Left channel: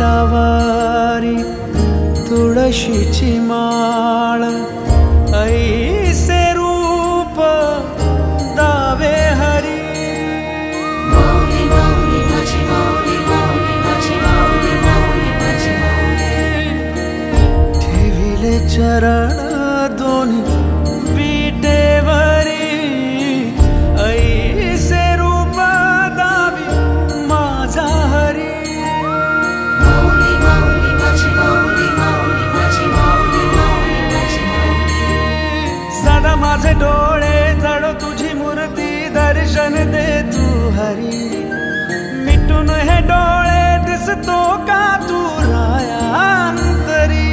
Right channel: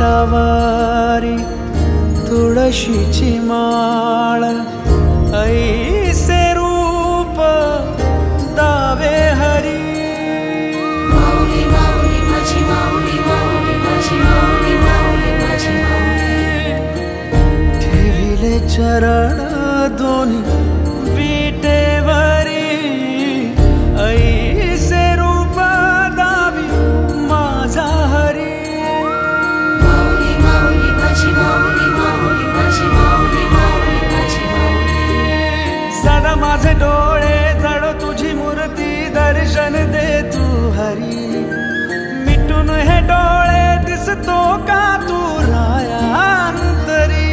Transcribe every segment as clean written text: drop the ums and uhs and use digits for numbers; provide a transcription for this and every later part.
करकटावारी तुळशीची माळ ऐसे रूप दावे हरी ठेविले चरण दोन्ही विटेवरी ऐसे रूप दावी माझा हरी सदा माझे डोळे जडो तुझी मूर्ती दर्शन दे तू हरी मिटून हे डोळे दिसतो का तू राया अंतरी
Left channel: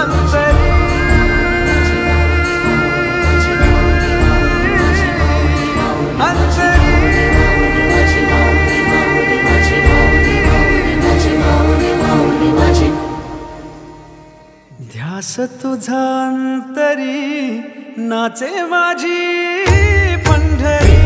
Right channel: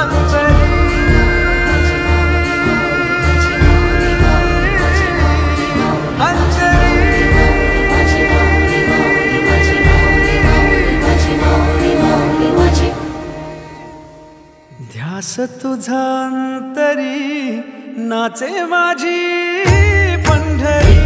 अंतरी अंतरी ध्यास तुझा अंतरी नाचे माझी पंढरी.